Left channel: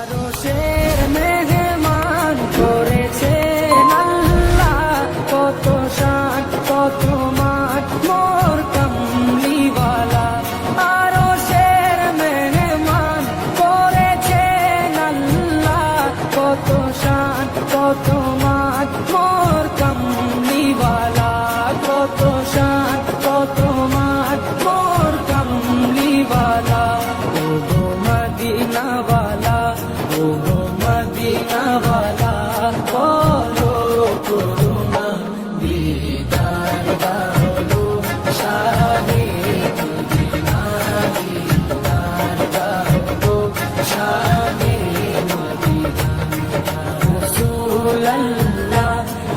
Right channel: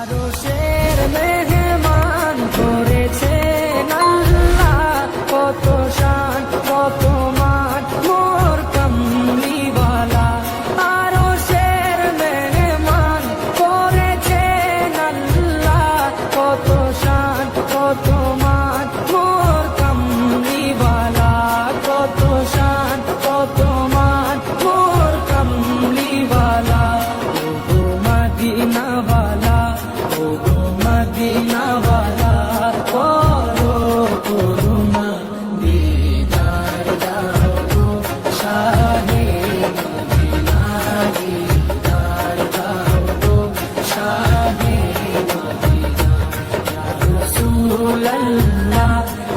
আরশের মেহমান করেছেন আল্লাহ, কত শান কত মান মোর কামলিওয়ালা। আরশের মেহমান করেছেন আল্লাহ, কত শান কত মান মোর কামলিওয়ালা, কত শান কত মান মোর কামলিওয়ালা। ও গো মদিনাওয়ালা, ও গো মদিনাওয়ালা, করো করুণা দিদার দাও গো শাহে মদিনা, দিদার দাও গো শাহে মদিনা। ইয়া রাসূলাল্লাহ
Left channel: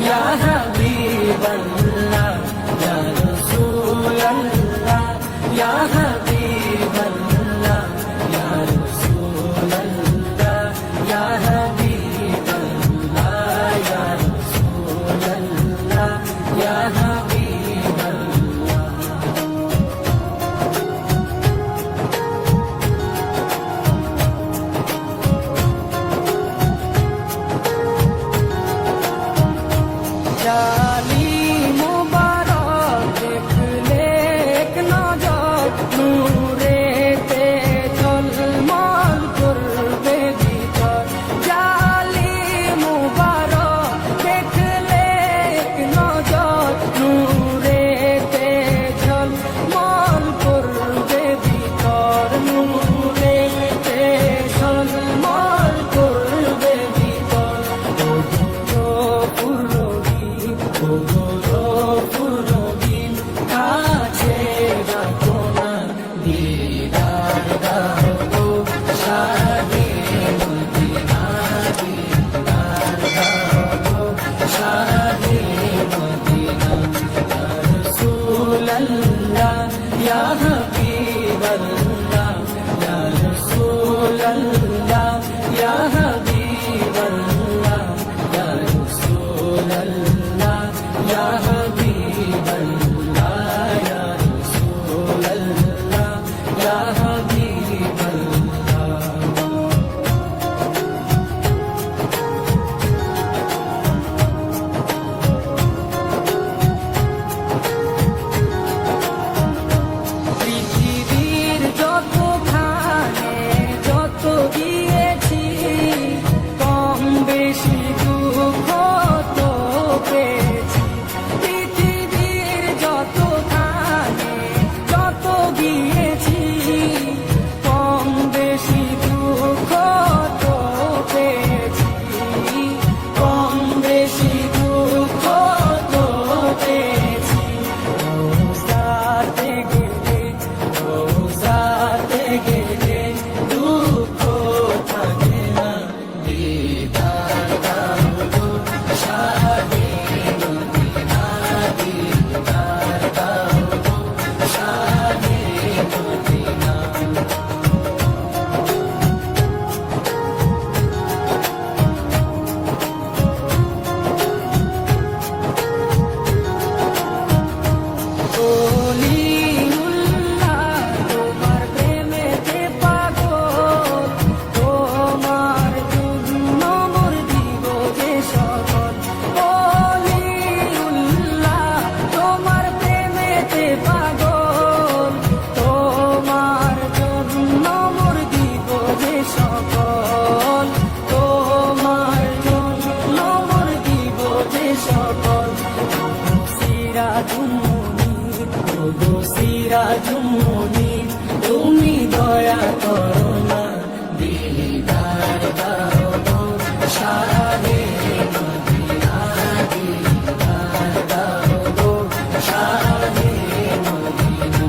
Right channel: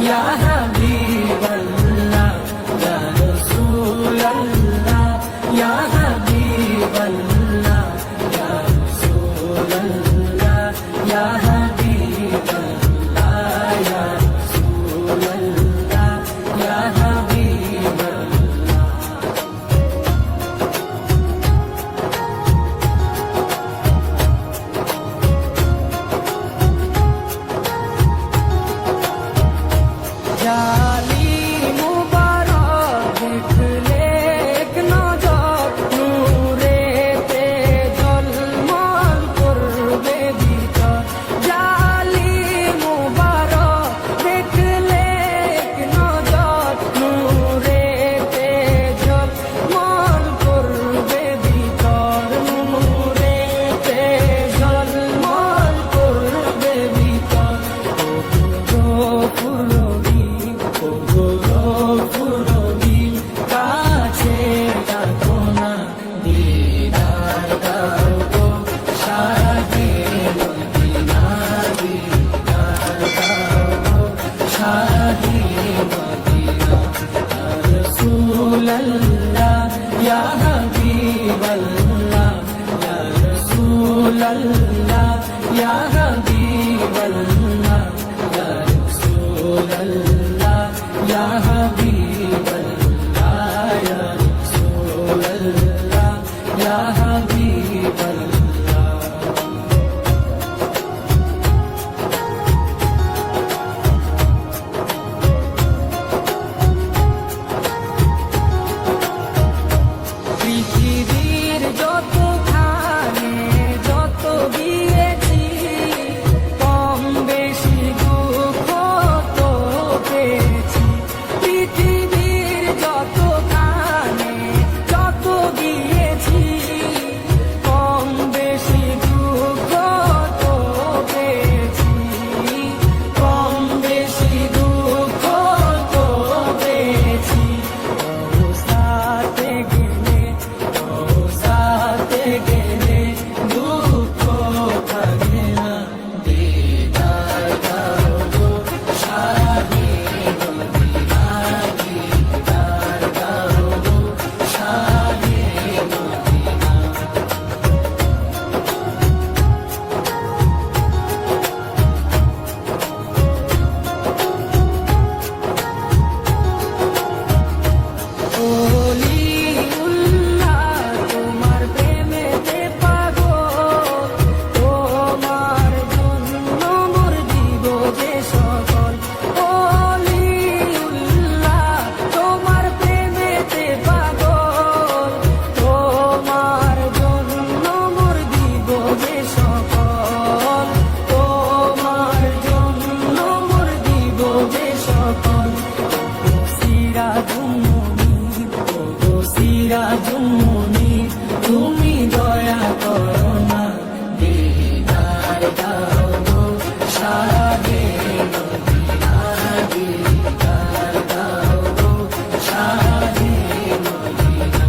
ইয়া হাবিবাল্লাহ, ইয়া রাসূলাল্লাহ ইয়া হাবিবাল্লাহ, ইয়া রাসূলাল্লাহ ইয়া হাবিবাল্লাহ, ইয়া রাসূলাল্লাহ ইয়া হাবিবাল্লাহ। জালি মুবারক দেখলে এক নজর, নূরেতে ঝলমল করবে ভিতর। জালি মুবারক দেখলে এক নজর, নূরেতে ঝলমল করবে ভিতর, নূরেতে ঝলমল করবে ভিতর। ও গুরু পুরবি, ও গুরু পুরবি, কাছে ডাকো না দিদার দাও গো শাহে মদিনা, দিদার দাও গো শাহে মদিনা। ইয়া রাসূলাল্লাহ ইয়া হাবিবাল্লাহ, ইয়া রাসূলাল্লাহ ইয়া হাবিবাল্লাহ, ইয়া রাসূলাল্লাহ ইয়া হাবিবাল্লাহ, ইয়া রাসূলাল্লাহ ইয়া হাবিবাল্লাহ। পৃথিবীর যতখানে যত গিয়েছি, কম বেশি দুঃখ তো পেয়েছি। পৃথিবীর যতখানে যত গিয়েছি, কম বেশি দুঃখ তো পেয়েছি, কম বেশি দুঃখ তো পেয়েছি। রোজাতে গেলে, রোজাতে গেলে দুঃখ থাকে না, দিদার দাও গো শাহে মদিনা, দিদার দাও গো শাহে মদিনা। ওলিউল্লাহ তোমার প্রেমেতে পাগল, তোমার জন্য মোর দিব যে সকল। ওলিউল্লাহ তোমার প্রেমেতে পাগল, তোমার জন্য মোর দিব যে সকল, তোমার জন্য মোর দিব যে সকল। সিরাজুম মুনির, ও গো সিরাজুম মুনির, তুমি দয়া করো না দিদার দাও গো শাহে মদিনা, দিদার দাও গো শাহে মদিনা।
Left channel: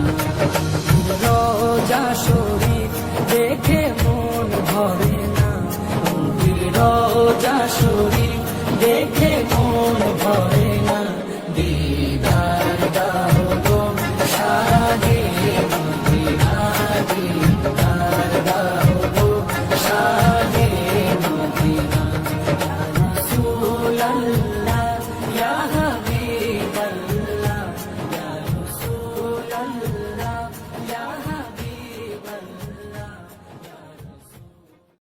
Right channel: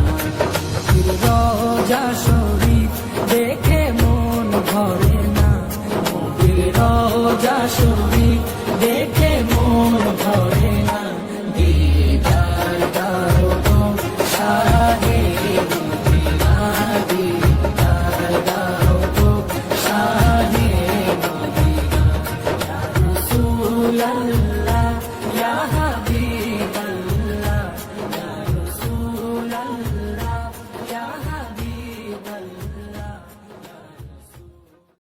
রোজা শরীফ দেখে মন ভরে না, রোজা শরীফ দেখে মন ভরে না, দিদার দাও গো শাহে মদিনা, দিদার দাও গো শাহে